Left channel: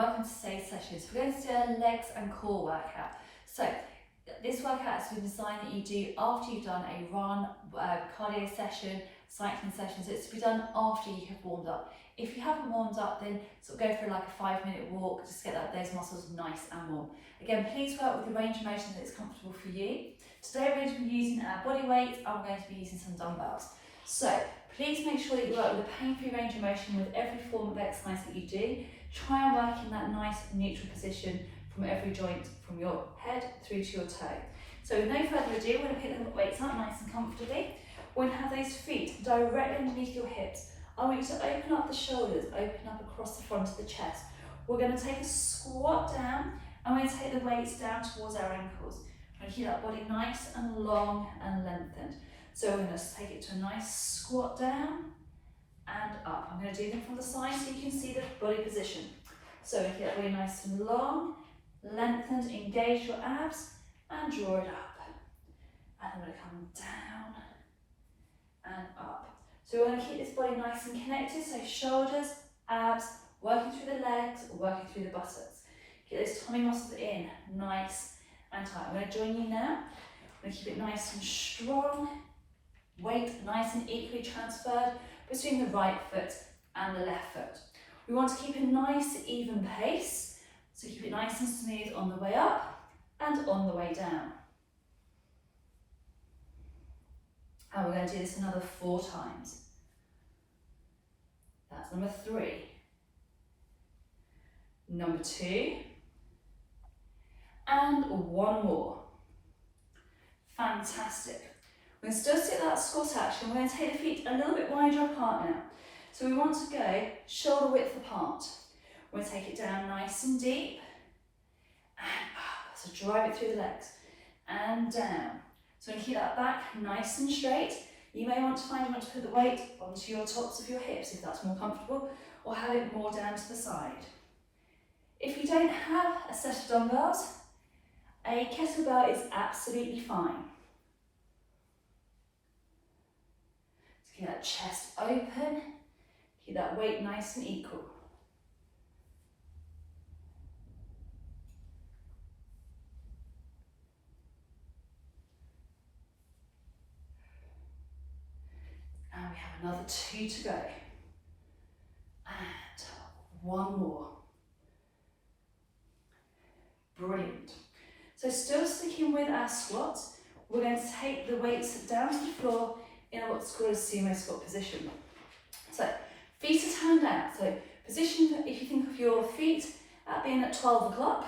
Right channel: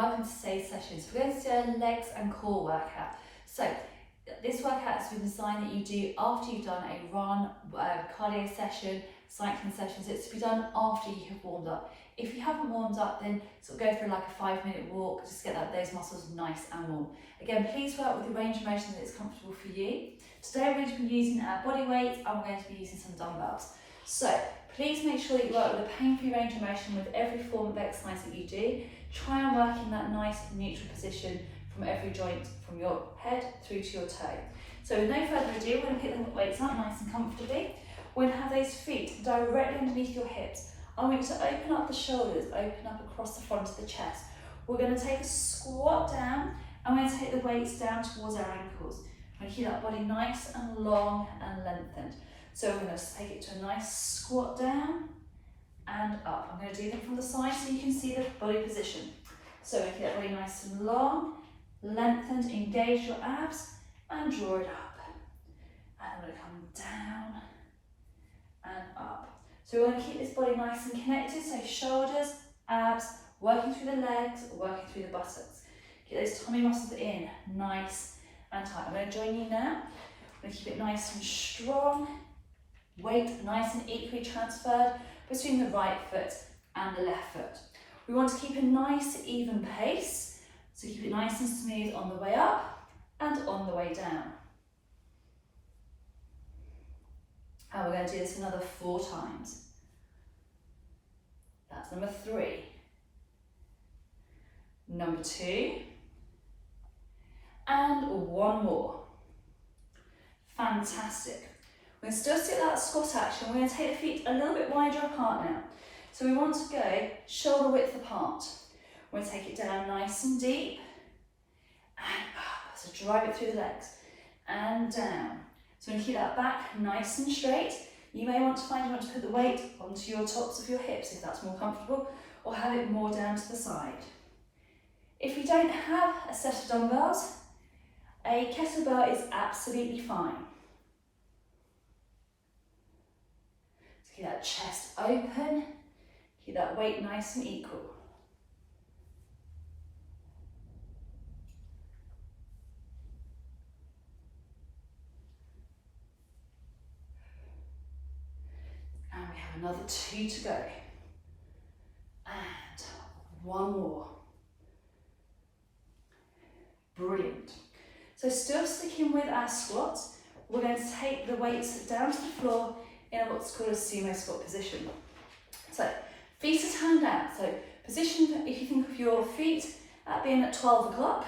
welcome to today's session. So we're going to do a legs and core workout. So this workout has been designed that you do after you've done a run, cardio session, cycling session. So it's to be done after you have warmed up. If you haven't warmed up, then sort of go for like a 5-minute walk, just get those muscles nice and warm. Again, please work with the range of motion that is comfortable for you. Today we're going to be using our body weight and we're going to be using some dumbbells. So please make sure that you work with a pain-free range of motion with every form of exercise that you do. Try and work in that nice neutral position from every joint, from your head through to your toe. So with no further ado, we're going to pick the weights up nice and comfortably. We're going to have those feet directly underneath your hips. I want you to open up the shoulders, open up across the front of the chest. We're going to take a squat down and we're going to take the weights down towards our ankles. We're going to keep that body nice and long and lengthened. So we're going to take it to a nice squat down and up. I'm going to do them from the side so you can see the body position. So we keep that body nice and long, lengthened, engage your abs and draw it up. And then we're going to come down and up. So we want to keep this body nice and connected, so shoulders, abs, working through the legs, working through the buttocks. Get those tummy muscles in, nice and tight. I'm going to join you now. I'm going to keep it nice and strong. Weight nice and equally transferred between the right foot and the left foot. We want to keep a nice even pace, so keep it nice and smooth on the way up and on the way down. And we're going to do this another 4 times. That's number 3. Number 2. And 1 more. Fantastic. We're going to still stick that squat action. We're going to take the feet a little bit wider apart now. So we want to go shoulder width apart. We're going to take it down nice and deep and up. So drive it through the legs and down. So we're going to keep that back nice and straight. You may want to put the weight onto your tops of your hips if that's more comfortable, or have it more down to the side. If you don't have a set of dumbbells, a kettlebell is absolutely fine. So keep that chest open, keep that weight nice and equal. And we have another 2 to go. And 1 more. Brilliant. So still sticking with our squats, we're going to take the weights down to the floor in what's called a sumo squat position. So feet are turned out. So position, if you think of your feet at being at 12 o'clock,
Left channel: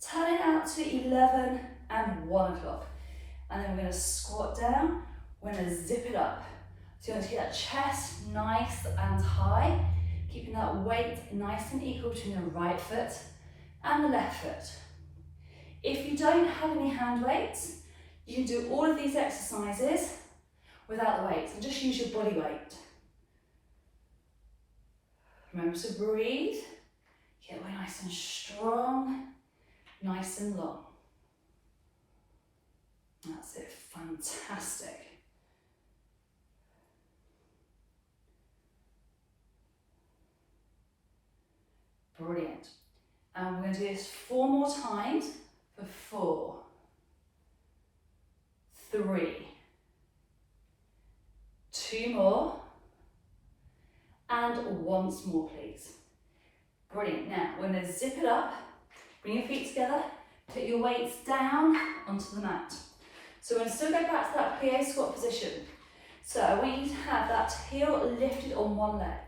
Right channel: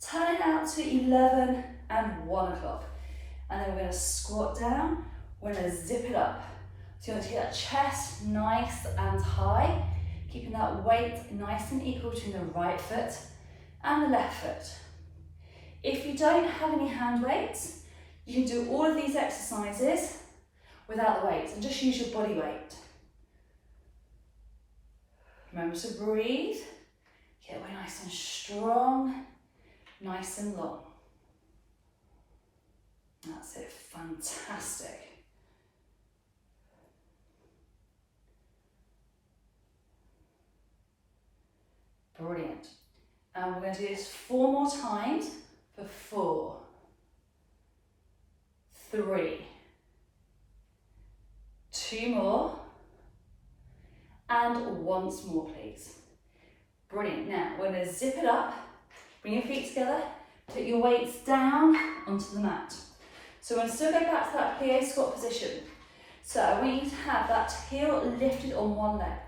turn it out to 11 and 1 o'clock. And then we're going to squat down, we're going to zip it up. So you're going to keep that chest nice and high, keeping that weight nice and equal between the right foot and the left foot. If you don't have any hand weights, you can do all of these exercises without the weights and just use your body weight. Remember to breathe, get away nice and strong, nice and long. That's it, fantastic. Brilliant. And we're going to do this 4 more times for 4, 3, 2 more, and once more, please. Brilliant. Now, we're going to zip it up, bring your feet together, put your weights down onto the mat. So we're going to still go back to that plie squat position. So I want you to have that heel lifted on one leg.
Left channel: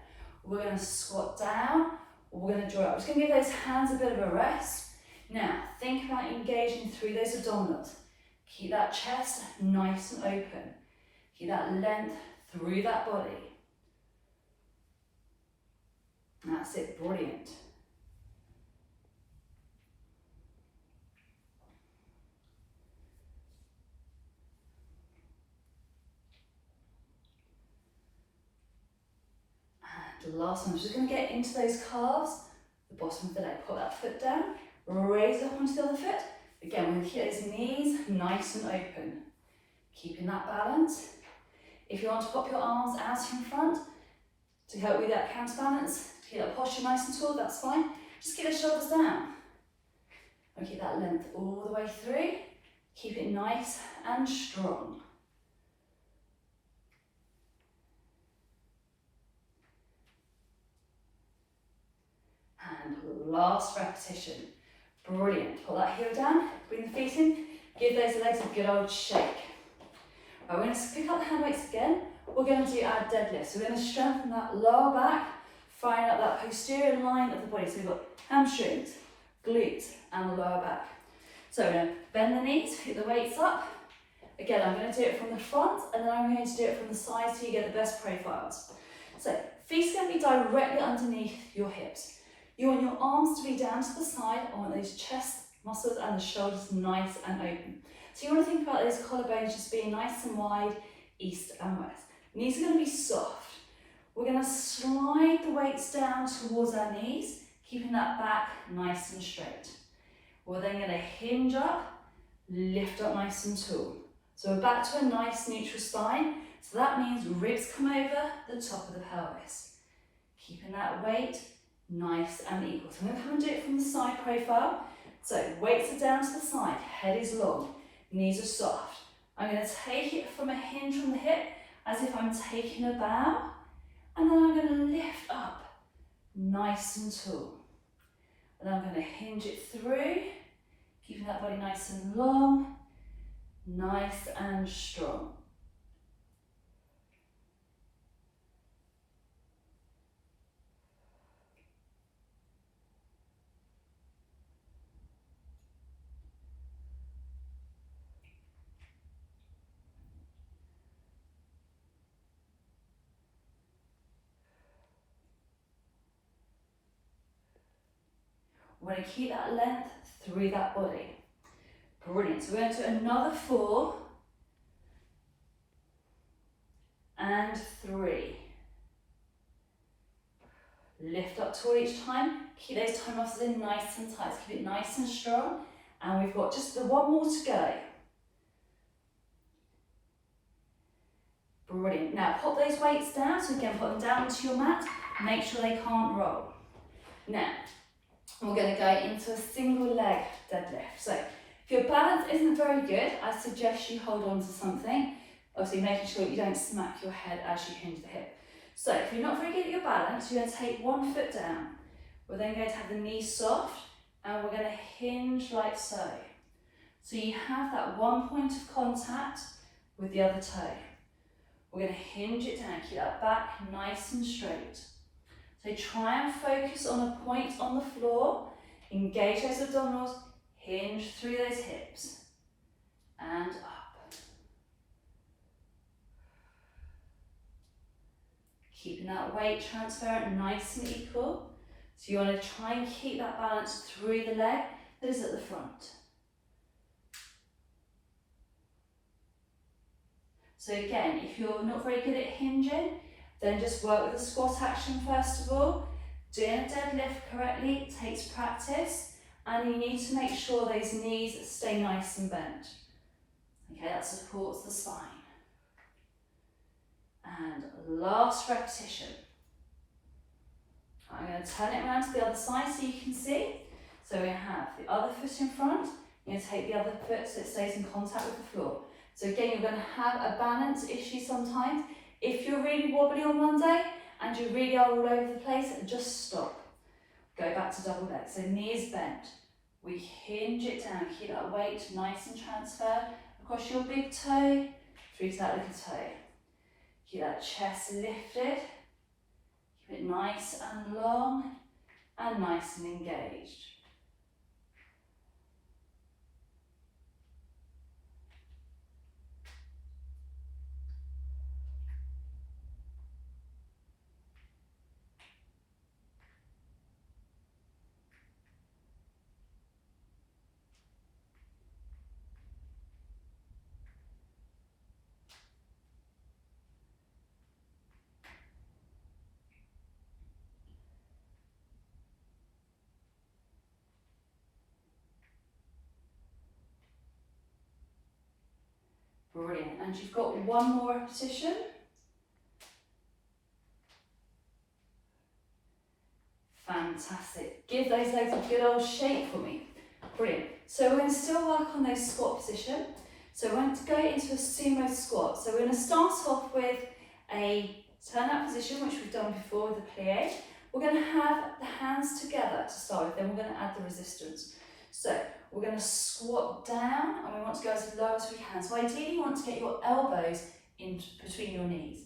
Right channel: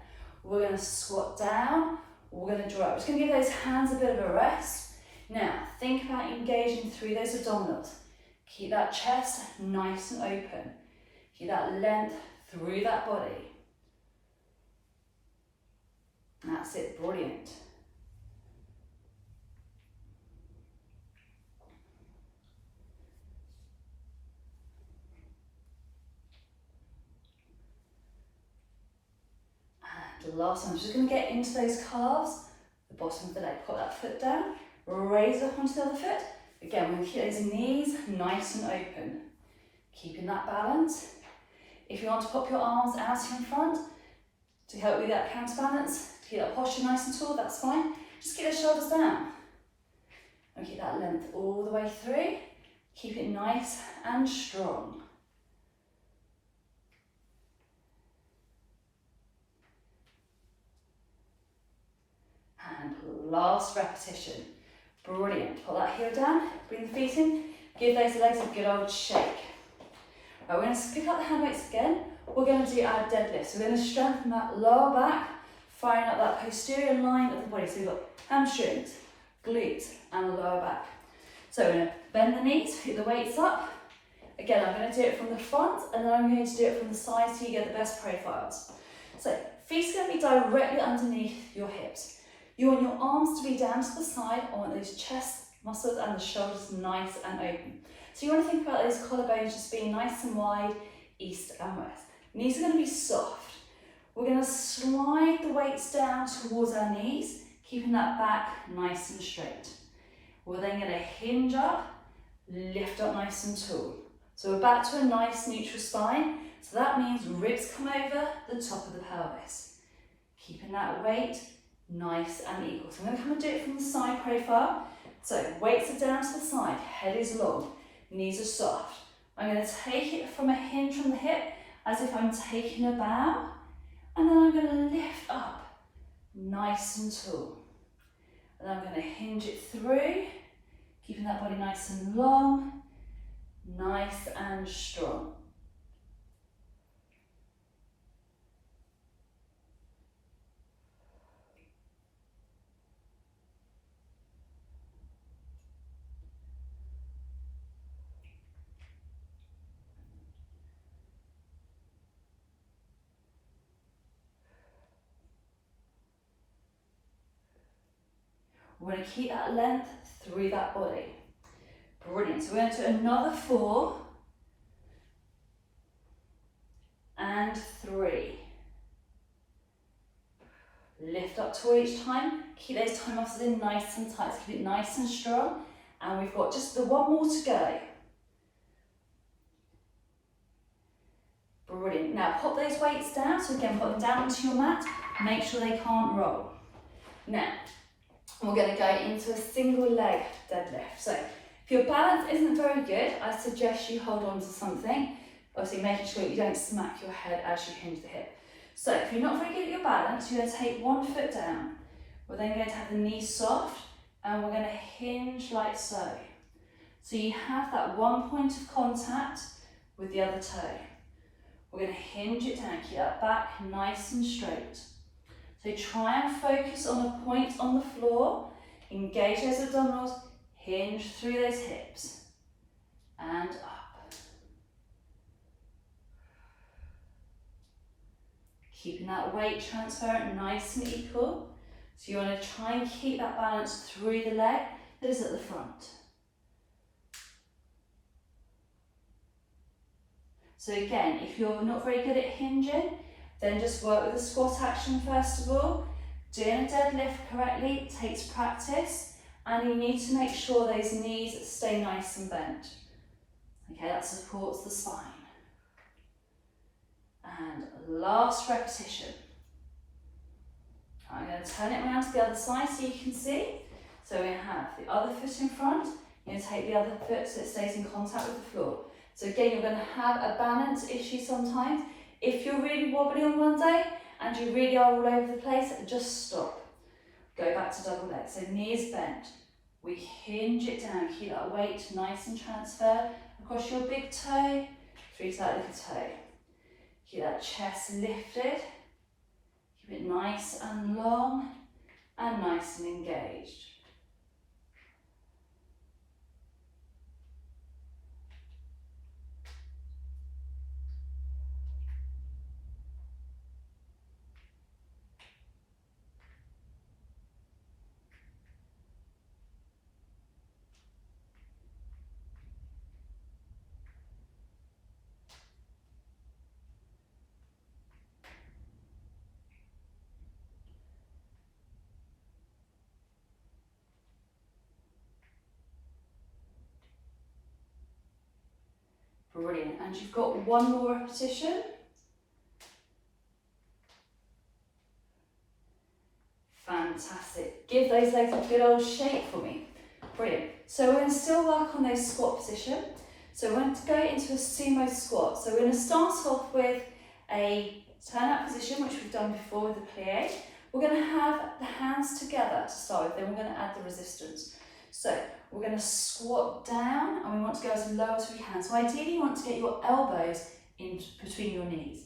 We're going to squat down, we're going to draw up. We're just going to give those hands a bit of a rest. Now, think about engaging through those abdominals. Keep that chest nice and open. Keep that length through that body. That's it, brilliant. And the last one, I'm just going to get into those calves, the bottom of the leg. Put that foot down, raise up onto the other foot. Again, we're going to keep those knees nice and open. Keeping that balance. If you want to pop your arms out in front to help with that counterbalance, to keep that posture nice and tall, that's fine. Just keep the shoulders down. And keep that length all the way through. Keep it nice and strong. And last repetition. Brilliant. Pull that heel down, bring the feet in, give those legs a good old shake. Right, we're going to pick up the hand weights again. We're going to do our deadlift. So we're going to strengthen that lower back, firing up that posterior line of the body. So we've got hamstrings, glutes, and lower back. So we're going to bend the knees, pick the weights up. Again, I'm going to do it from the front, and then I'm going to do it from the side so you get the best profiles. So feet are going to be directly underneath your hips. You want your arms to be down to the side. I want those chest muscles and the shoulders nice and open. So you want to think about those collarbones just being nice and wide, east and west. Knees are going to be soft. We're going to slide the weights down towards our knees, keeping that back nice and straight. We're then going to hinge up, lift up nice and tall. So we're back to a nice neutral spine. So that means ribs come over the top of the pelvis. Keeping that weight nice and equal. So I'm going to come and do it from the side profile. So weights are down to the side, head is long, knees are soft. I'm going to take it from a hinge from the hip as if I'm taking a bow, and then I'm going to lift up nice and tall. And then I'm going to hinge it through, keeping that body nice and long, nice and strong. We're going to keep that length through that body. Brilliant. So we're going to do another 4 and 3. Lift up tall each time. Keep those toe muscles in nice and tight. So keep it nice and strong. And we've got just the 1 more to go. Brilliant. Now pop those weights down. So again, put them down onto your mat. Make sure they can't roll. Now, we're going to go into a single leg deadlift. So if your balance isn't very good, I suggest you hold on to something. Obviously making sure you don't smack your head as you hinge the hip. So if you're not very good at your balance, you're going to take 1 foot down. We're then going to have the knees soft and we're going to hinge like so. So you have that 1 point of contact with the other toe. We're going to hinge it down, keep that back nice and straight. So try and focus on a point on the floor, engage those abdominals, hinge through those hips, and up. Keeping that weight transparent, nice and equal. So you want to try and keep that balance through the leg that is at the front. So again, if you're not very good at hinging, then just work with the squat action first of all. Doing a deadlift correctly takes practice, and you need to make sure those knees stay nice and bent. Okay, that supports the spine. And last repetition. I'm going to turn it around to the other side so you can see. So we have the other foot in front. You're going to take the other foot so it stays in contact with the floor. So again, you're going to have a balance issue sometimes. If you're really wobbly on one day and you really are all over the place, just stop. Go back to double leg. So knees bent. We hinge it down. Keep that weight nice and transferred across your big toe, through to that little toe. Keep that chest lifted. Keep it nice and long and nice and engaged. Brilliant. And you've got 1 more repetition. Fantastic. Give those legs a good old shake for me. Brilliant. So we're going to still work on those squat position. So we're going to go into a sumo squat. So we're going to start off with a turn out position, which we've done before with the plie. We're going to have the hands together to start with, then we're going to add the resistance. So we're going to squat down and we want to go as low as we can. So ideally you want to get your elbows in between your knees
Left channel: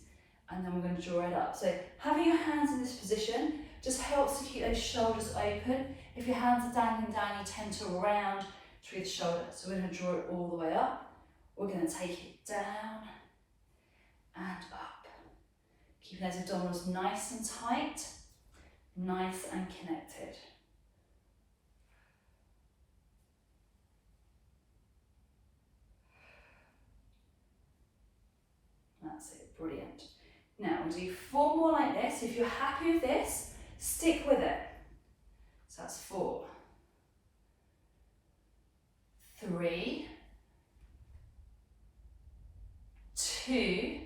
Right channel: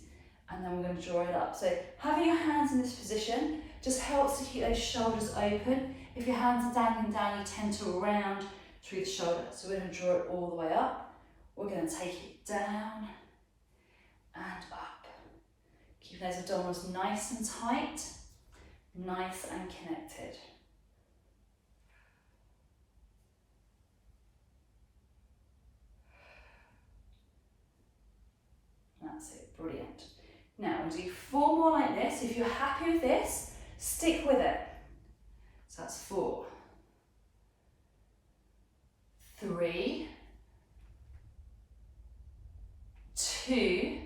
and then we're going to draw it up. So having your hands in this position just helps to keep those shoulders open. If your hands are dangling down, you tend to round through the shoulder. So we're going to draw it all the way up. We're going to take it down and up. Keep those abdominals nice and tight, nice and connected. That's it, brilliant. Now we'll do 4 more like this. If you're happy with this, stick with it. So that's 4, 3, 2,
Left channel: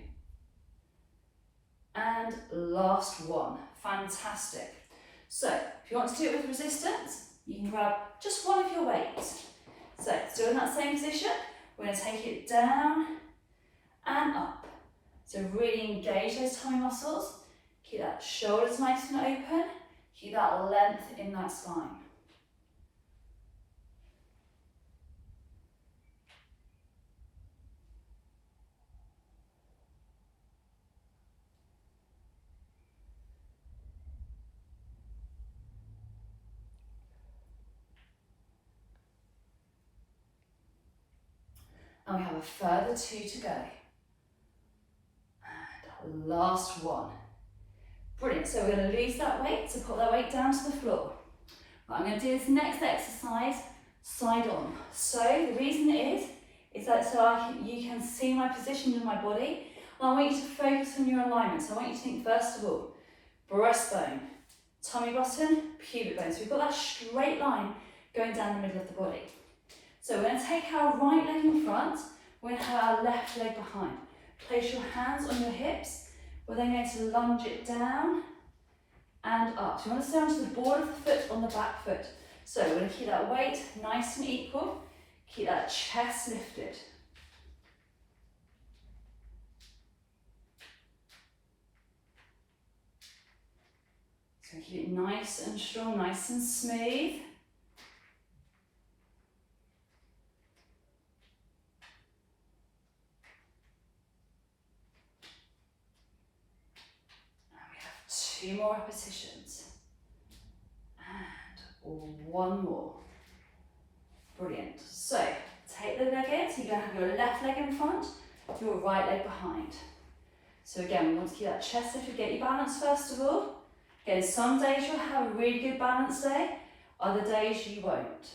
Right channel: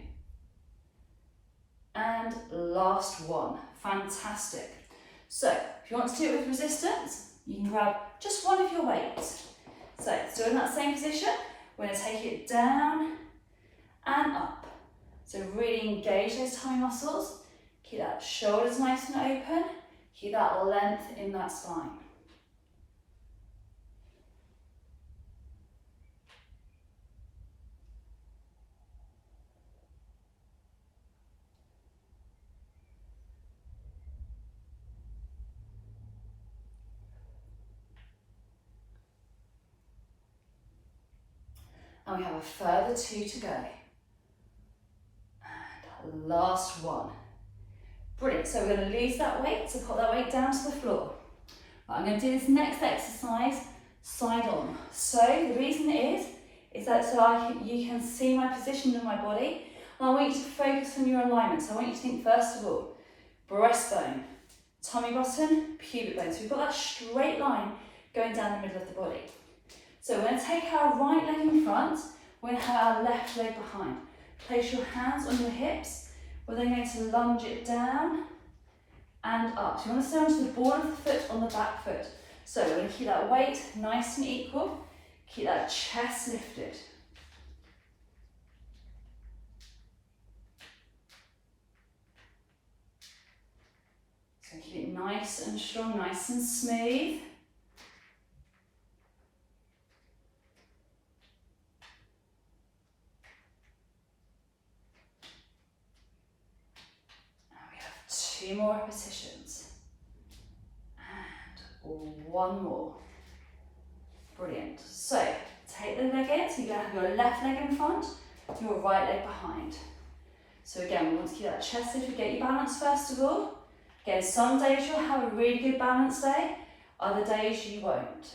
and last one. Fantastic. So if you want to do it with resistance, you can grab just one of your weights. So still in that same position, we're going to take it down and up. So really engage those tummy muscles. Keep that shoulders nice and open. Keep that length in that spine. And we have a further 2 to go. And last one. Brilliant, so we're going to lose that weight, so put that weight down to the floor. Right, I'm going to do this next exercise side on. So the reason is that so you can see my position in my body, and I want you to focus on your alignment. So I want you to think first of all, breastbone, tummy button, pubic bone. So we've got that straight line going down the middle of the body. So we're going to take our right leg in front, we're going to have our left leg behind. Place your hands on your hips, we're then going to lunge it down and up. So you want to stay onto the ball of the foot on the back foot. So we're going to keep that weight nice and equal, keep that chest lifted. So keep it nice and strong, nice and smooth. Two more repetitions and 1 more. Brilliant. So take the leg in, so you're going to have your left leg in front, your right leg behind. So again, we want to keep that chest lifted, get your balance first of all. Again, some days you'll have a really good balance day, other days you won't.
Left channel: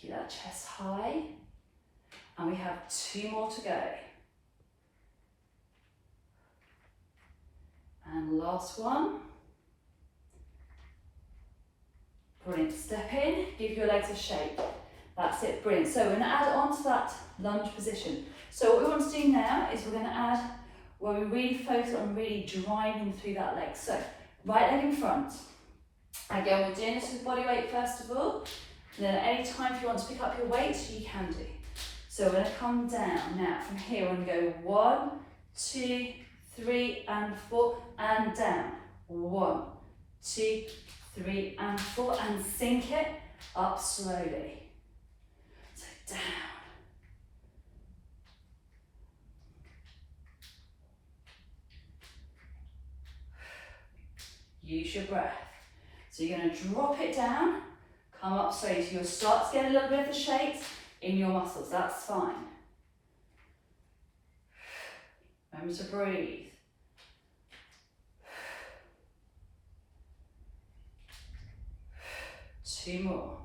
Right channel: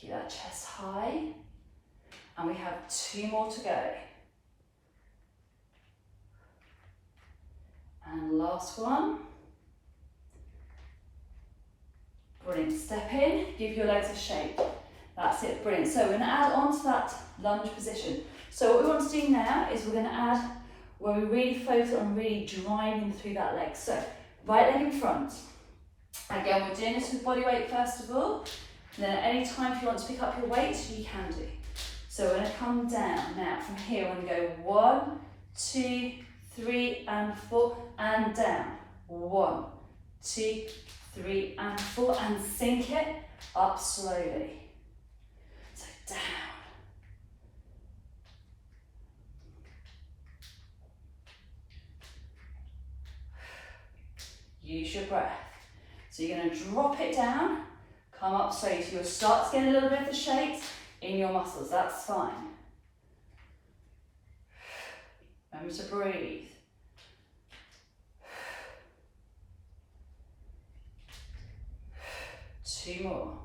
Keep that chest high, and we have 2 more to go. And last one. Brilliant, step in, give your legs a shake. That's it, brilliant. So we're going to add on to that lunge position. So what we want to do now is we're going to add where we really focus on really driving through that leg. So right leg in front. Again, we're doing this with body weight first of all. And then at any time if you want to pick up your weight, you can do. So we're going to come down. Now from here we're going to go 1, 2, 3 and 4 and down. 1, 2, 3 and 4 and sink it up slowly. So down. Use your breath. So you're going to drop it down, come up slowly. So you'll start to get a little bit of the shakes in your muscles. That's fine. Remember to breathe. Two more.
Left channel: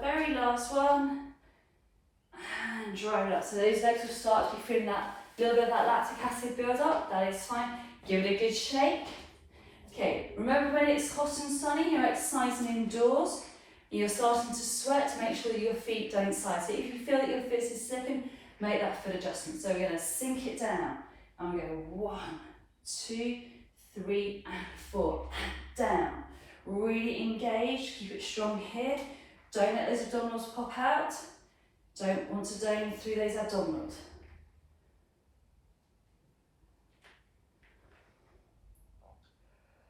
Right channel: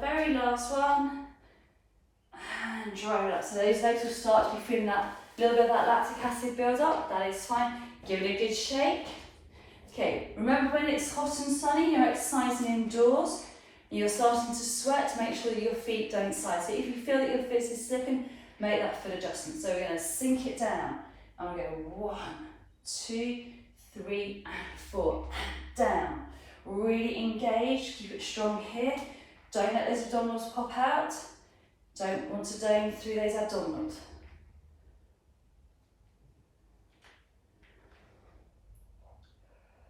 very last one. And drive it up. So those legs will start to be feeling that little bit of that lactic acid build up. That is fine. Give it a good shake. Okay, remember when it's hot and sunny, you're exercising indoors, and you're starting to sweat, make sure that your feet don't slide. So if you feel that your foot is slipping, make that foot adjustment. So we're going to sink it down. And we go 1, 2, 3, and 4. Down. Really engage, keep it strong here. Don't let those abdominals pop out. Don't want to dome through those abdominals.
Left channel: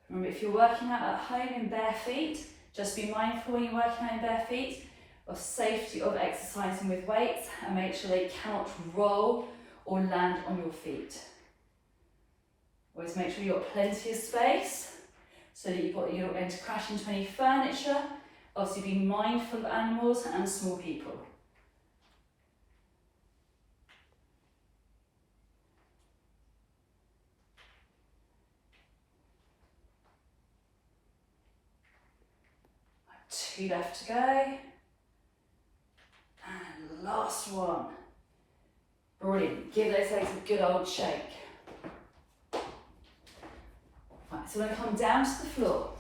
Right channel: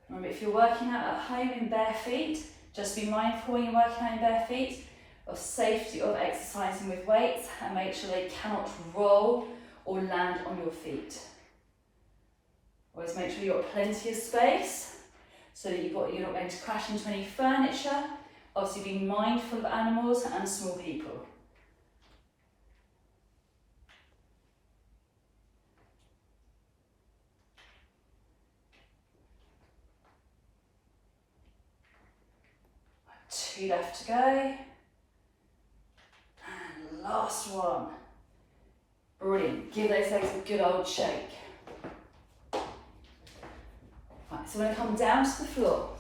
Remember, if you're working out at home in bare feet, just be mindful when you're working out in bare feet of safety of exercising with weights, and make sure they cannot roll or land on your feet. Always make sure you've got plenty of space so that you're not going to crash into any furniture. Obviously, be mindful of animals and small people. Two left to go. And last one. Brilliant. Give those legs a good old shake. Right, so we're going to come down to the floor.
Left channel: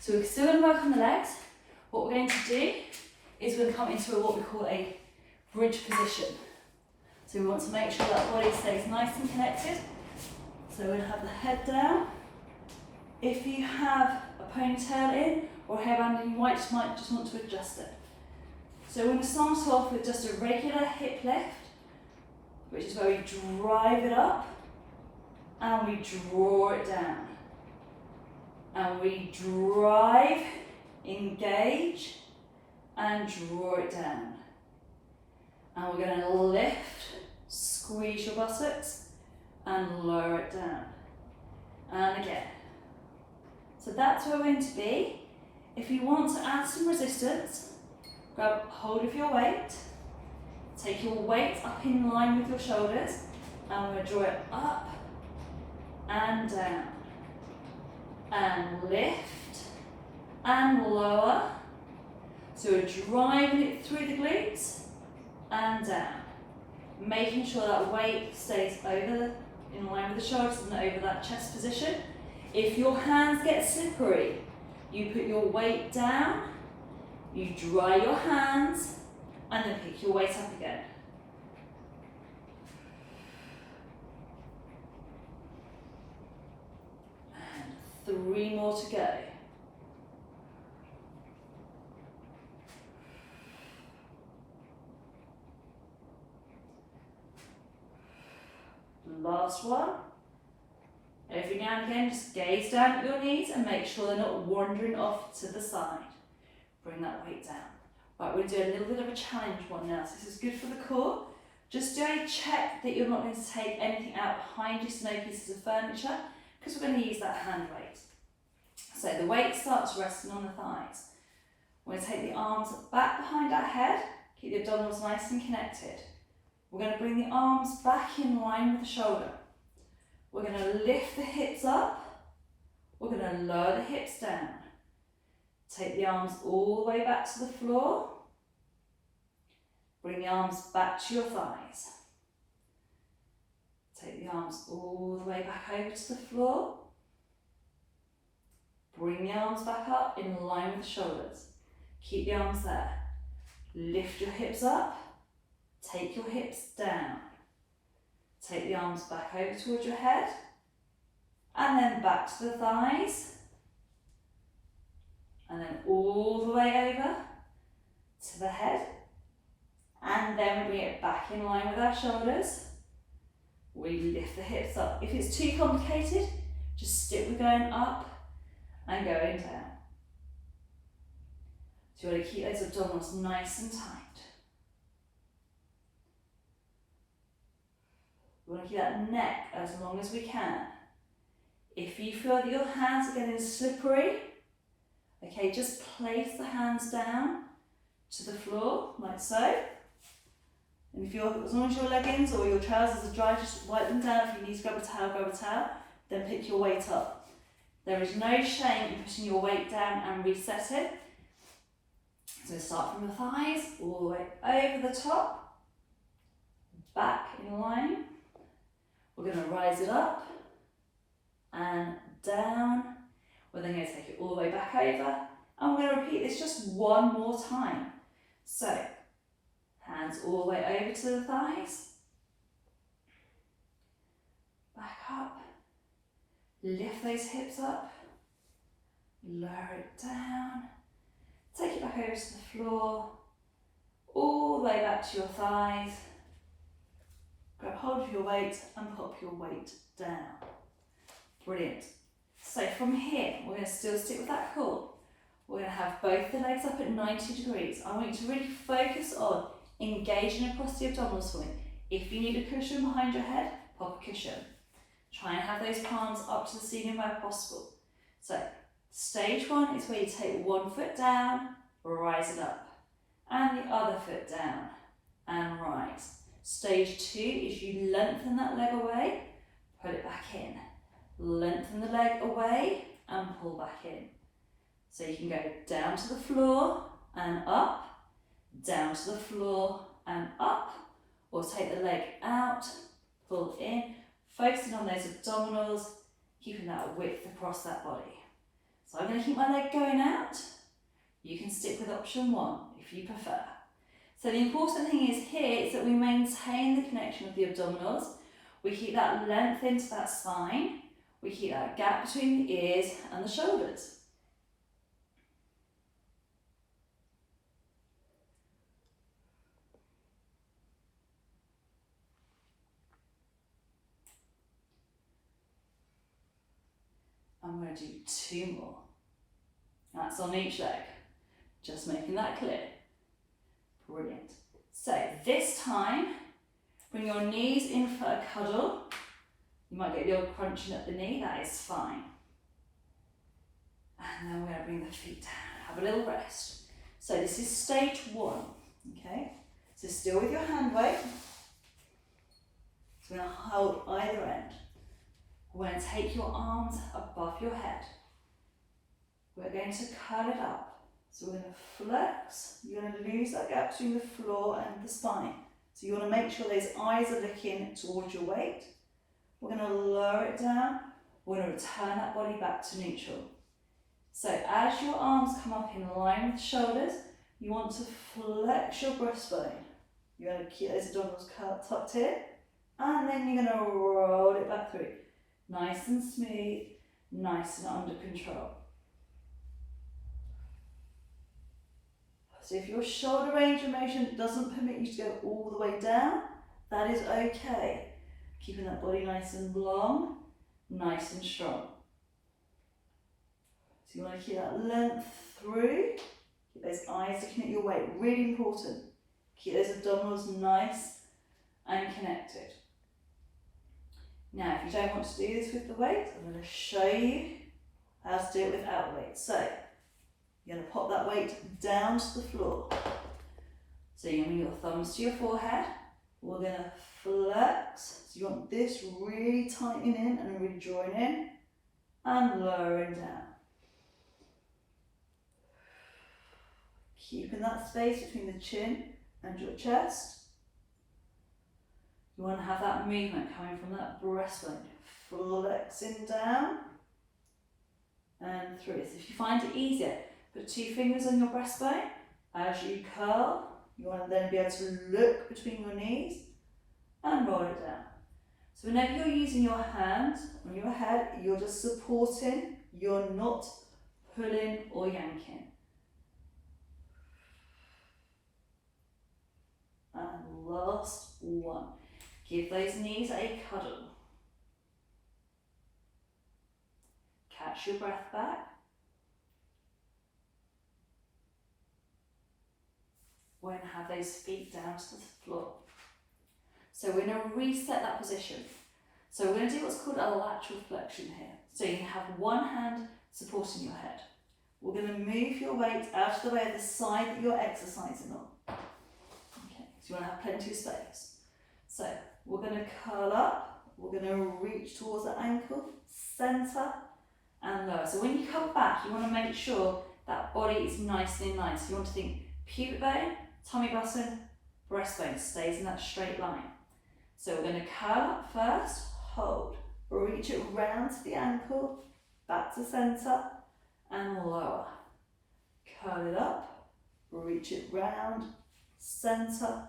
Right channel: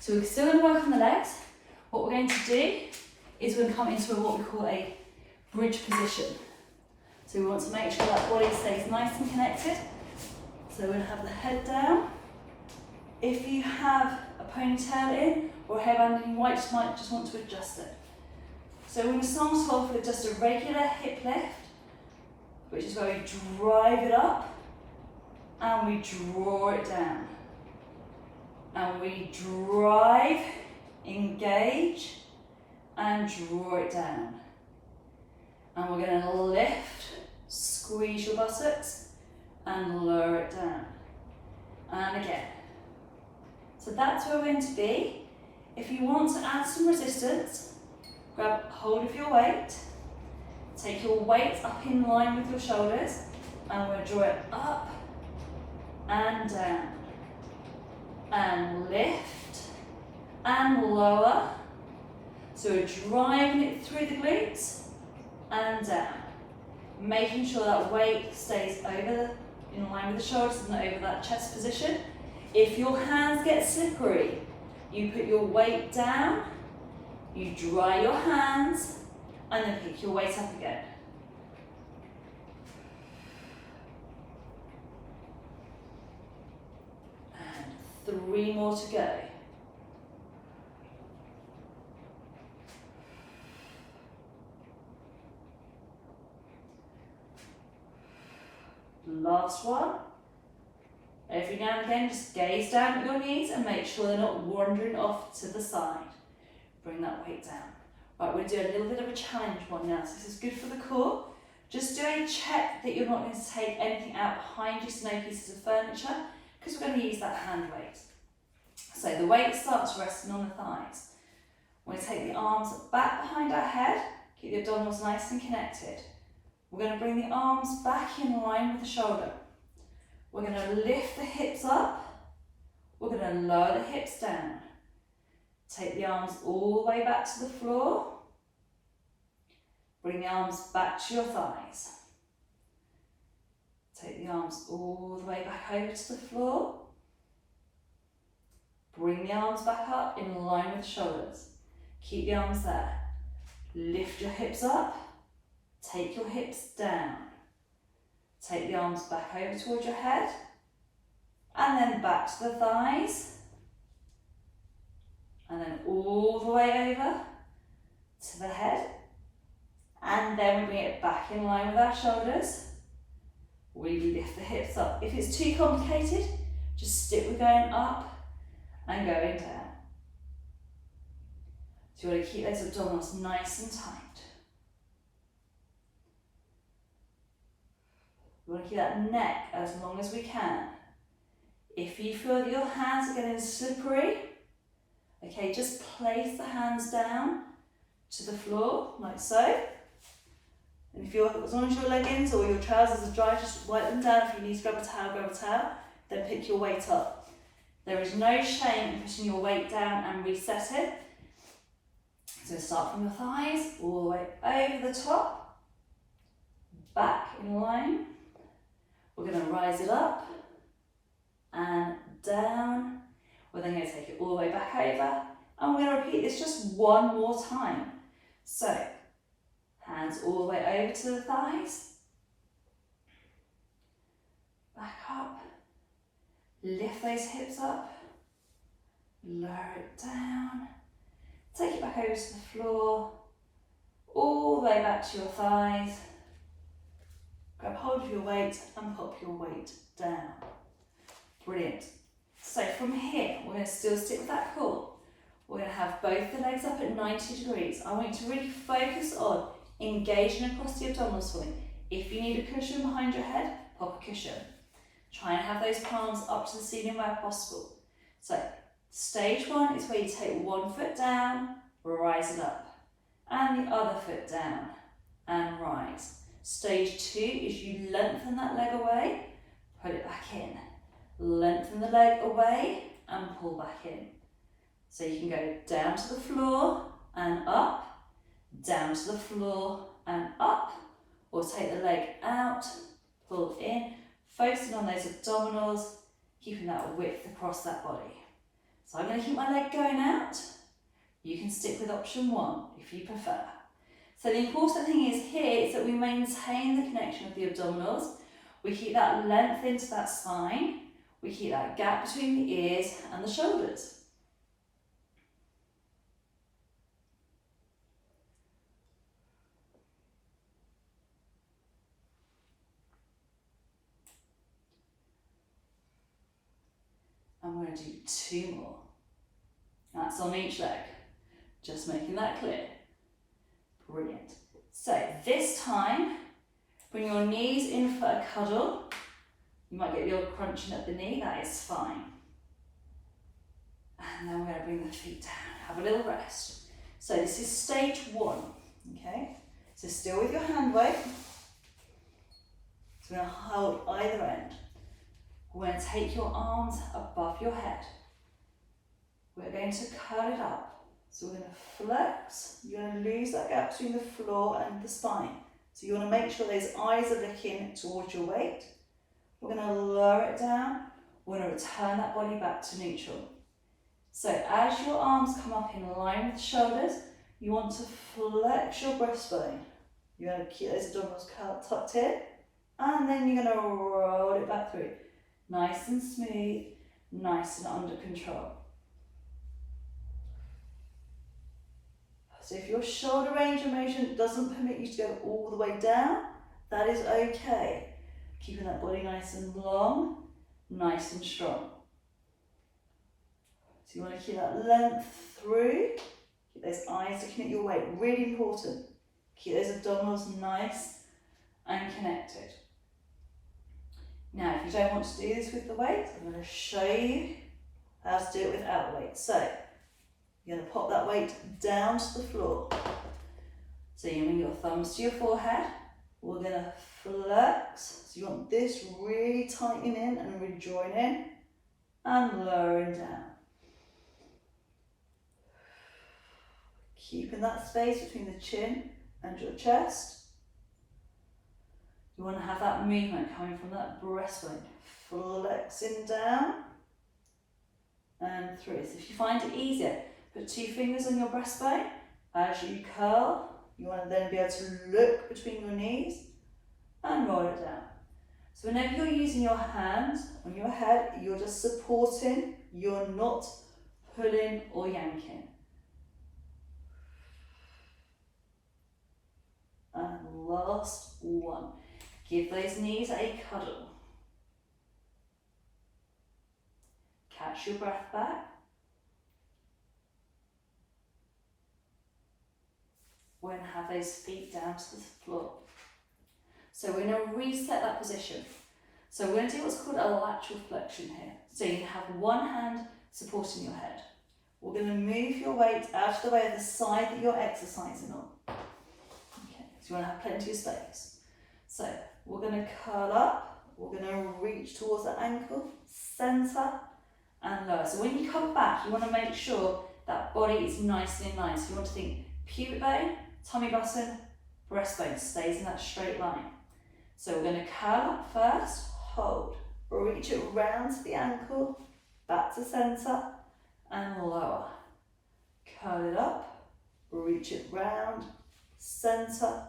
So we're still going to work on the legs. What we're going to do is we're going to come into what we call a bridge position. So we want to make sure that body stays nice and connected. So we're going to have the head down. If you have a ponytail in or a hairband in, you might just want to adjust it. So we're going to start off with just a regular hip lift, which is where we drive it up and we draw it down. And we drive, engage, and draw it down. And we're going to lift, squeeze your buttocks, and lower it down. And again. So that's where we're going to be. If you want to add some resistance, grab hold of your weight, take your weight up in line with your shoulders, and we'll draw it up and down. And lift and lower. So we're driving it through the glutes and down. Making sure that weight stays in line with the shoulders and over that chest position. If your hands get slippery, you put your weight down, you dry your hands, and then pick your weight up again. And 3 more to go. Last one. Every now and again, just gaze down at your knees and make sure they're not wandering off to the side. Bring that weight down. Right, we'll do a little bit of a challenge one now. So this is good for the core. Just do a check that you're not going to take anything out behind you, so no pieces of furniture, because we're going to use that hand weight. So the weight starts resting on the thighs. We're going to take the arms back behind our head, keep the abdominals nice and connected. We're going to bring the arms back in line with the shoulder. We're going to lift the hips up. We're going to lower the hips down. Take the arms all the way back to the floor. Bring the arms back to your thighs. Take the arms all the way back over to the floor. Bring the arms back up in line with the shoulders. Keep the arms there. Lift your hips up. Take your hips down. Take the arms back over towards your head. And then back to the thighs. And then all the way over to the head. And then we bring it back in line with our shoulders. We lift the hips up. If it's too complicated, just stick with going up and going down. So you want to keep those abdominals nice and tight. We want to keep that neck as long as we can. If you feel that your hands are getting slippery, okay, just place the hands down to the floor, like so. And if as long as your leggings or your trousers are dry, just wipe them down. If you need to grab a towel, then pick your weight up. There is no shame in putting your weight down and reset it. So going to start from your thighs, all the way over the top, back in line. We're going to rise it up and down. We're then going to take it all the way back over, and we're going to repeat this just one more time. So, hands all the way over to the thighs, back up, lift those hips up, lower it down, take it back over to the floor, all the way back to your thighs. Grab hold of your weight and pop your weight down. Brilliant. So from here, we're going to still stick with that core. We're going to have both the legs up at 90 degrees. I want you to really focus on engaging across the abdominals for me. If you need a cushion behind your head, pop a cushion. Try and have those palms up to the ceiling where possible. So stage one is where you take one foot down, rise it up, and the other foot down and rise. Stage two is you lengthen that leg away, put it back in. Lengthen the leg away and pull back in. So you can go down to the floor and up, down to the floor and up, or take the leg out, pull in, focusing on those abdominals, keeping that width across that body. So I'm going to keep my leg going out. You can stick with option one if you prefer. So the important thing is here is that we maintain the connection of the abdominals. We keep that length into that spine. We keep that gap between the ears and the shoulders. And we're going to do two more. That's on each leg. Just making that clear. Brilliant. So this time, bring your knees in for a cuddle. You might get the old crunching at the knee, that is fine. And then we're going to bring the feet down, have a little rest. So this is stage one, okay? So still with your hand weight. So we're going to hold either end. We're going to take your arms above your head. We're going to curl it up. So we're going to flex. You're going to lose that gap between the floor and the spine. So you want to make sure those eyes are looking towards your weight. We're going to lower it down. We're going to return that body back to neutral. So as your arms come up in line with the shoulders, you want to flex your breastbone. You're going to keep those abdominals tucked here, and then you're going to roll it back through. Nice and smooth, nice and under control. So if your shoulder range of motion doesn't permit you to go all the way down, that is okay. Keeping that body nice and long, nice and strong. So you want to keep that length through. Keep those eyes looking at your weight, really important. Keep those abdominals nice and connected. Now, if you don't want to do this with the weight, I'm going to show you how to do it without weight. So, you're going to pop that weight down to the floor. So you're going to bring your thumbs to your forehead. We're going to flex. So you want this really tightening in and really drawing in and lowering down. Keeping that space between the chin and your chest. You want to have that movement coming from that breastbone. Flexing down and through. So if you find it easier, put two fingers on your breastbone. As you curl, you want to then be able to look between your knees and roll it down. So whenever you're using your hands on your head, you're just supporting, you're not pulling or yanking. And last one. Give those knees a cuddle. Catch your breath back. We're going to have those feet down to the floor. So we're going to reset that position. So we're going to do what's called a lateral flexion here. So you can have one hand supporting your head. We're going to move your weight out of the way of the side that you're exercising on. Okay, so you want to have plenty of space. So we're going to curl up, we're going to reach towards the ankle, centre and lower. So when you come back, you want to make sure that body is nice and in line. So you want to think pubic bone, tummy button, breastbone stays in that straight line. So we're going to curl up first, hold, reach it round to the ankle, back to centre, and lower. Curl it up, reach it round, centre,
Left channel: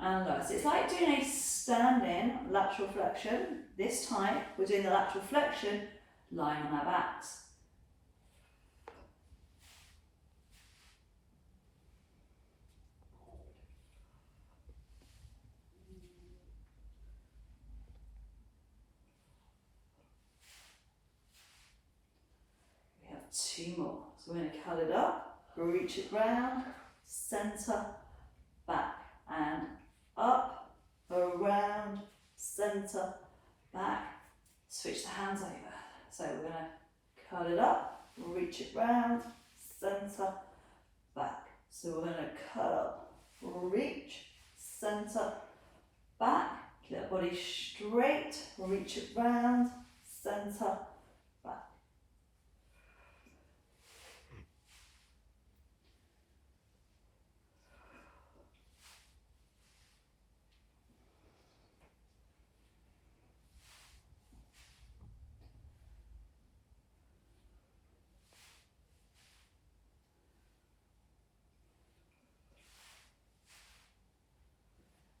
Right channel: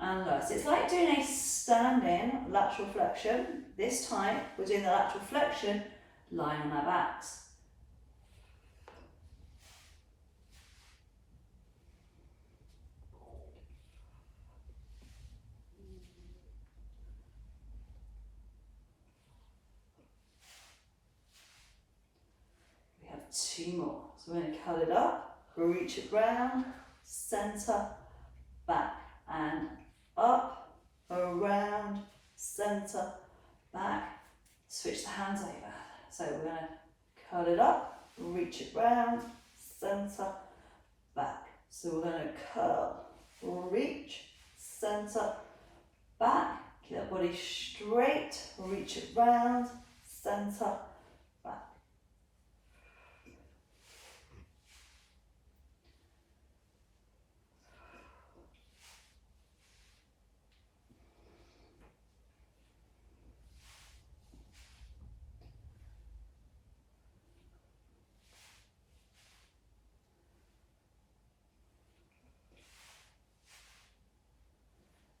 and lower. So it's like doing a standing lateral flexion. This time we're doing the lateral flexion lying on our backs. We have 2 more. So we're going to curl it up, reach it round, centre, back, and up, around, centre, back. Switch the hands over. So we're going to curl it up, reach it round, centre, back. So we're going to curl up, reach, centre, back. Keep that body straight, reach it round, centre, back.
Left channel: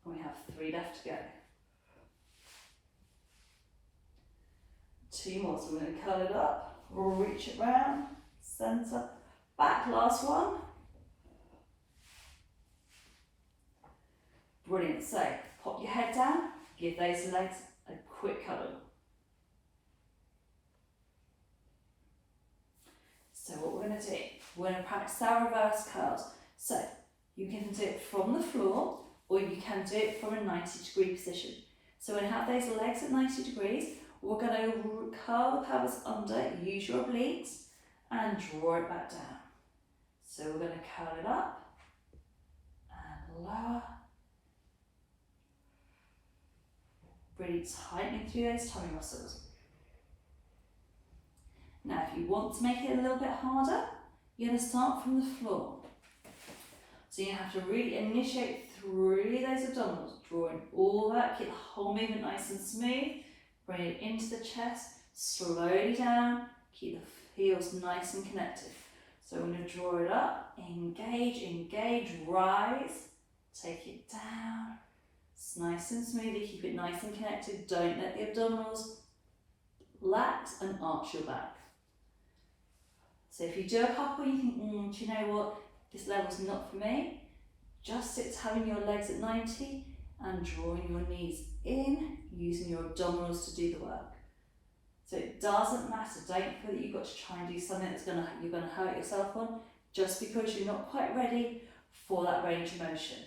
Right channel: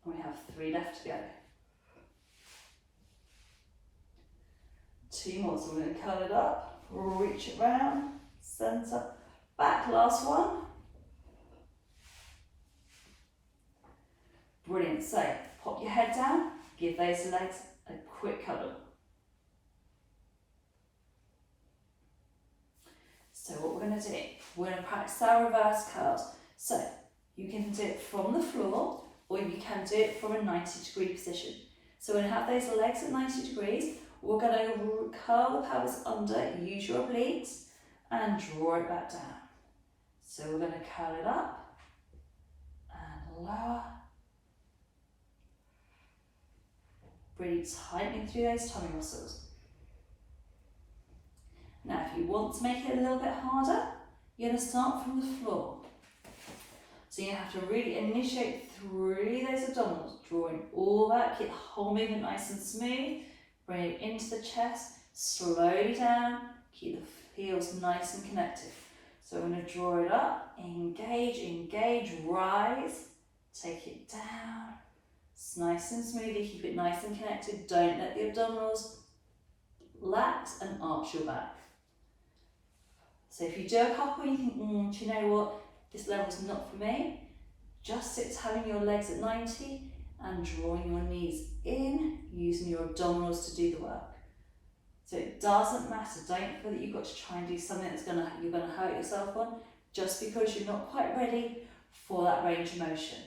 We have 3 left to go. 2 more, so we're going to curl it up, reach it round, centre, back, last one. Brilliant, so pop your head down, give those legs a quick cuddle. So what we're going to do, we're going to practice our reverse curls. So you can do it from the floor, or you can do it from a 90-degree position. So we're going to have those legs at 90 degrees, we're going to curl the pelvis under, use your obliques, and draw it back down. So we're going to curl it up, and lower. Really tightening through those tummy muscles. Now if you want to make it a little bit harder, you're going to start from the floor. So you have to really initiate through those abdominals, drawing all that, keep the whole movement nice and smooth, bring it into the chest, slowly down, keep the heels nice and connected. So we're going to draw it up, engage, engage, rise, take it down. It's nice and smooth, keep it nice and connected, don't let the abdominals lax and arch your back. So if you do a couple and you think, do you know what, this level's not for me, just sit having your legs at 90 and drawing your knees in, using your abdominals to do the work. So it doesn't matter, don't feel that you've got to try and do something that's you're going to hurt yourself on, just because you're not quite ready for that range of motion.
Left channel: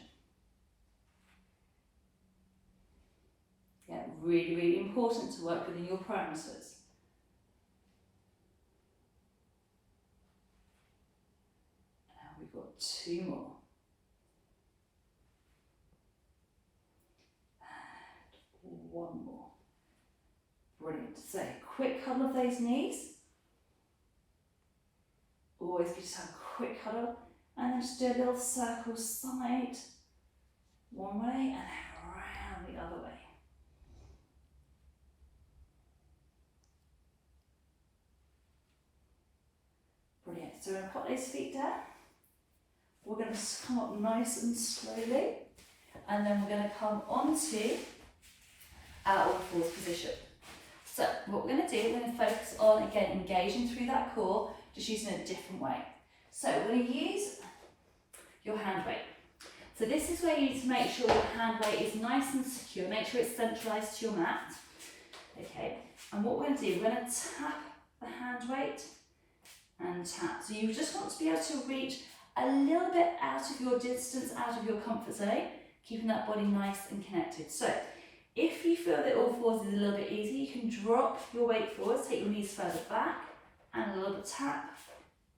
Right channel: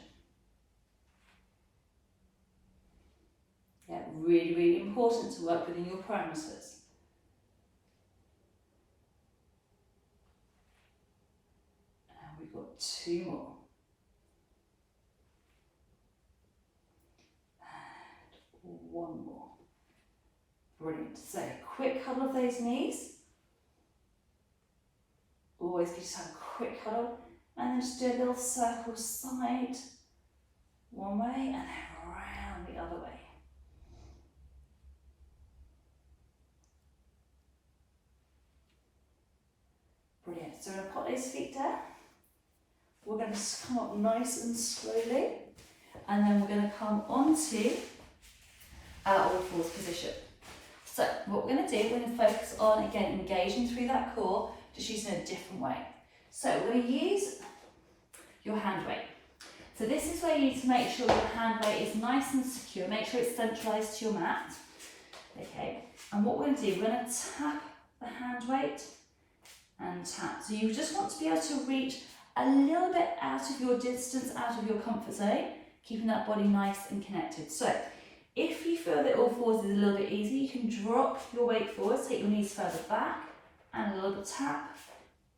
Yeah, really, really important to work within your parameters. And we've got 2 more. And 1 more. Brilliant. So, quick cuddle of those knees. Always give yourself a quick cuddle. And then just do a little circle side, one way, and then around the other way. Brilliant. So we're going to put those feet down. We're going to come up nice and slowly. And then we're going to come onto our all fours position. So what we're going to do, we're going to focus on, again, engaging through that core, just using a different way. So we're going to use your hand weight. So this is where you need to make sure your hand weight is nice and secure. Make sure it's centralised to your mat. Okay. And what we're going to do, we're going to tap the hand weight and tap. So you just want to be able to reach a little bit out of your distance, out of your comfort zone, keeping that body nice and connected. So if you feel that all fours is a little bit easy, you can drop your weight forwards, take your knees further back, and a little bit tap,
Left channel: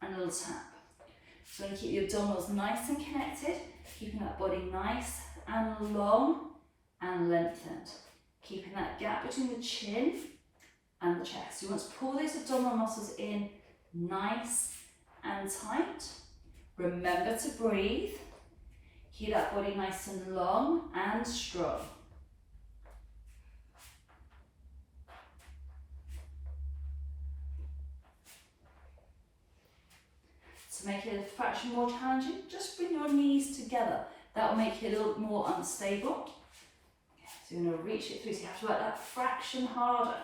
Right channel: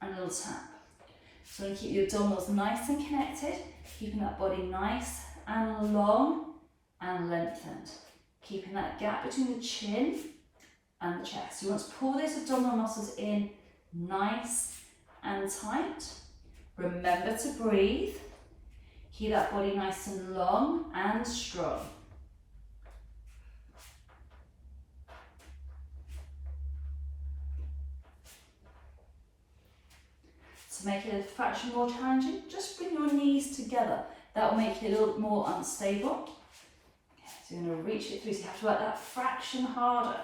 and a little tap. So you keep your abdominals nice and connected, keeping that body nice and long and lengthened. Keeping that gap between the chin and the chest. You want to pull those abdominal muscles in nice and tight. Remember to breathe. Keep that body nice and long and strong. To make it a fraction more challenging, just bring your knees together. That will make it a little bit more unstable. So you're going to reach it through, so you have to work that fraction harder.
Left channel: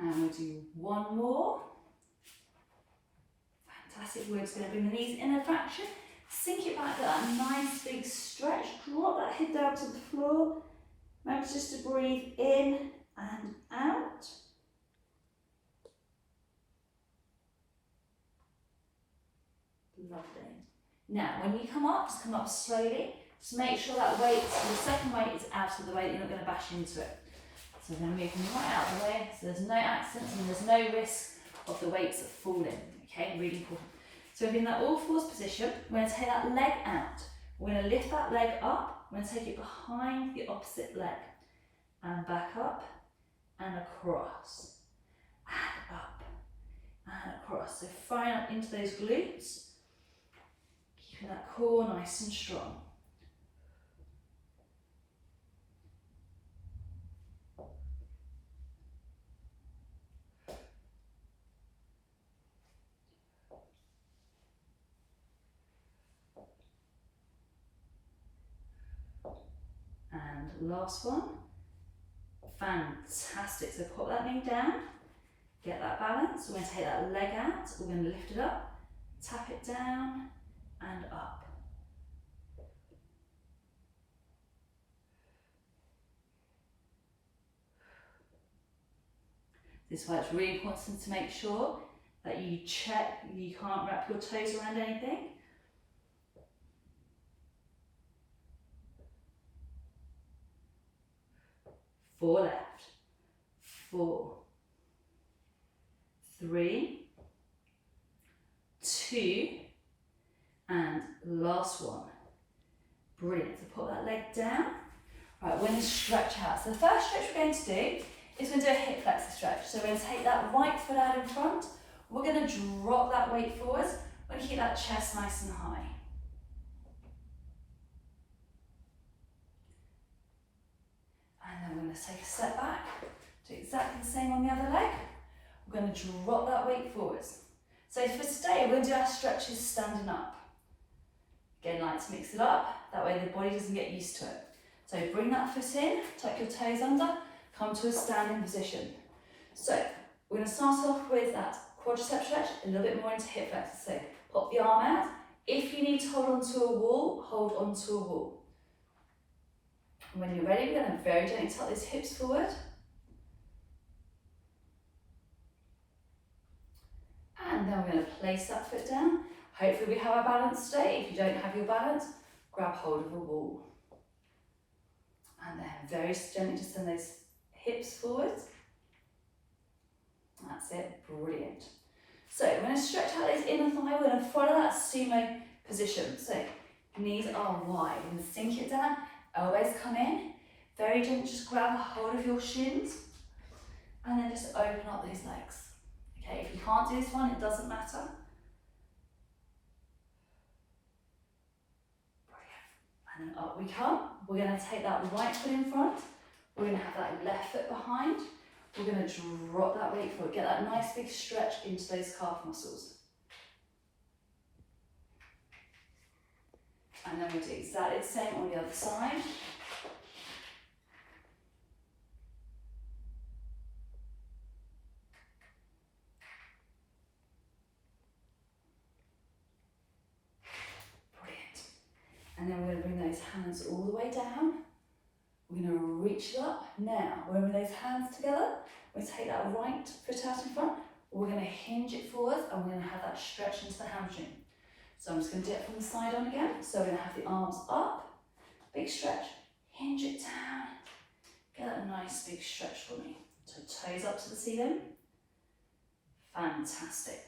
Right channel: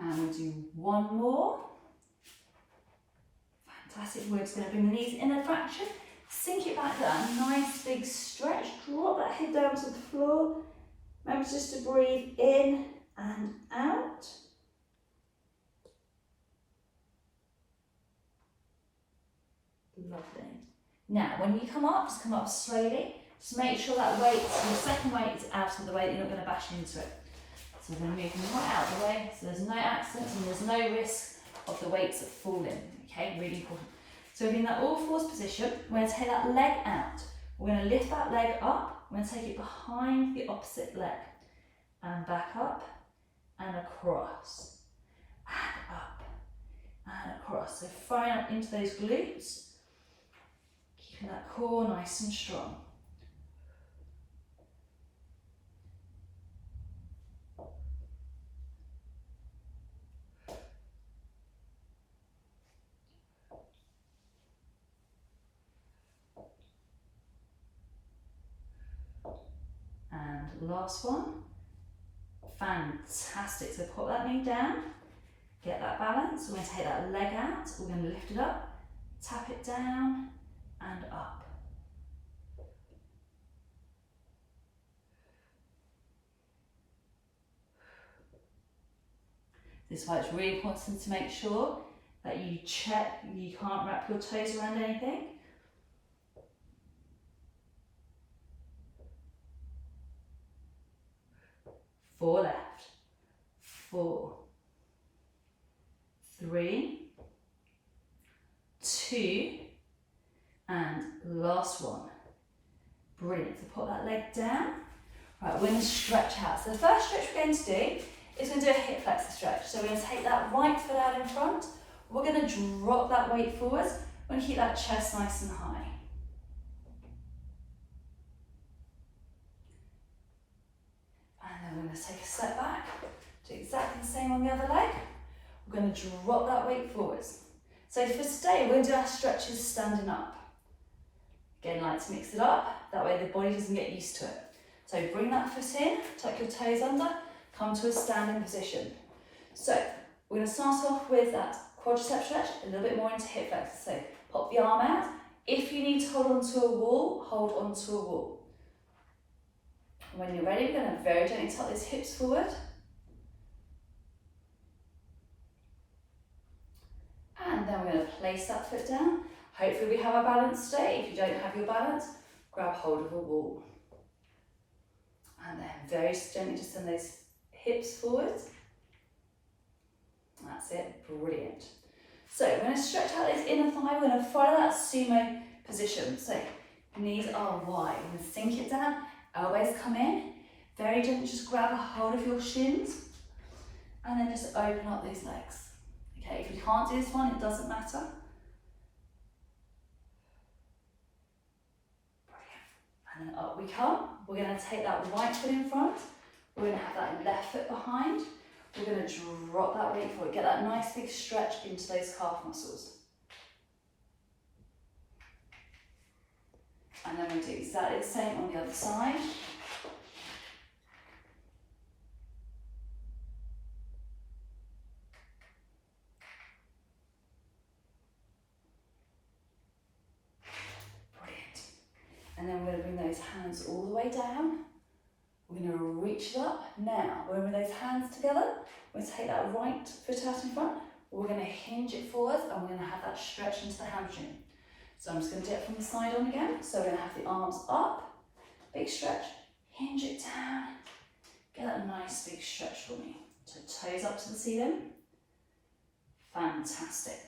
And we'll do one more. Fantastic. We're just going to bring the knees in a fraction, sink it back to that nice big stretch, drop that head down to the floor. Remember just to breathe in and out. Lovely. Now, when you come up, just come up slowly. Just make sure that weight, the second weight is out of the way, you're not going to bash into it. So we're going to move them right out of the way, so there's no accidents and there's no risk of the weights falling. Okay, really important. So we're in that all fours position. We're going to take that leg out. We're going to lift that leg up. We're going to take it behind the opposite leg. And back up and across. And up and across. So firing up into those glutes. Keeping that core nice and strong. And last one. Fantastic. So put that knee down, get that balance. We're going to take that leg out, we're going to lift it up, tap it down and up. This is why it's really important to make sure that you check, you can't wrap your toes around anything. 4 left, 4, 3, 2, and last one. Brilliant. So put that leg down. Right, we're going to stretch out. So the first stretch we're going to do is we're going to do a hip flexor stretch. So we're going to take that right foot out in front. We're going to drop that weight forwards. We're going to keep that chest nice and high. And then we're going to take a step back. Do exactly the same on the other leg. We're going to drop that weight forwards. So for today, we're going to do our stretches standing up. Again, like to mix it up. That way the body doesn't get used to it. So bring that foot in, tuck your toes under, come to a standing position. So we're going to start off with that quadricep stretch, a little bit more into hip flexor. So pop the arm out. If you need to hold onto a wall, hold onto a wall. And when you're ready, we're going to very gently tuck those hips forward. And then we're going to place that foot down. Hopefully we have our balance today. If you don't have your balance, grab hold of a wall. And then very gently just send those hips forwards. That's it, brilliant. So we're going to stretch out those inner thigh. We're going to follow that sumo position. So knees are wide. We're going to sink it down, elbows come in. Very gently just grab a hold of your shins. And then just open up those legs. Okay, if you can't do this one, it doesn't matter. And then up we come. We're going to take that right foot in front. We're going to have that left foot behind. We're going to drop that weight forward. Get that nice big stretch into those calf muscles. And then we'll do exactly the same on the other side. And then we're going to bring those hands all the way down. We're going to reach it up. Now, we're going to bring those hands together. We're going to take that right foot out in front. We're going to hinge it forwards and we're going to have that stretch into the hamstring. So I'm just going to do it from the side on again. So we're going to have the arms up, big stretch, hinge it down. Get that nice big stretch for me. So toes up to the ceiling. Fantastic.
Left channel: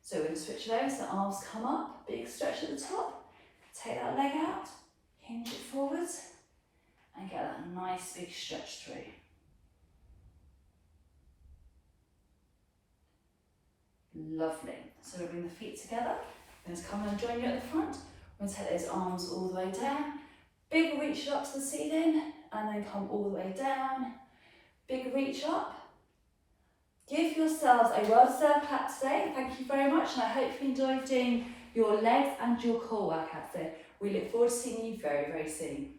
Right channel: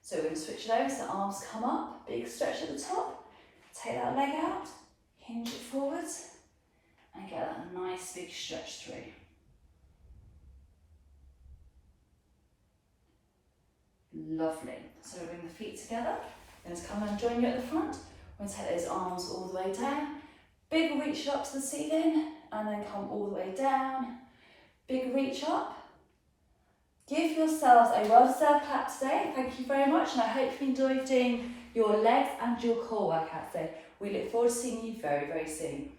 So we're going to switch it over so the arms come up, big stretch at the top. Take that leg out, hinge it forwards and get that nice big stretch through. Lovely. So we bring the feet together. I'm going to come and join you at the front. We're going to take those arms all the way down. Big reach up to the ceiling and then come all the way down. Big reach up. Give yourselves a well-deserved clap today. Thank you very much, and I hope you enjoyed doing your legs and your core workout. So we look forward to seeing you very, very soon.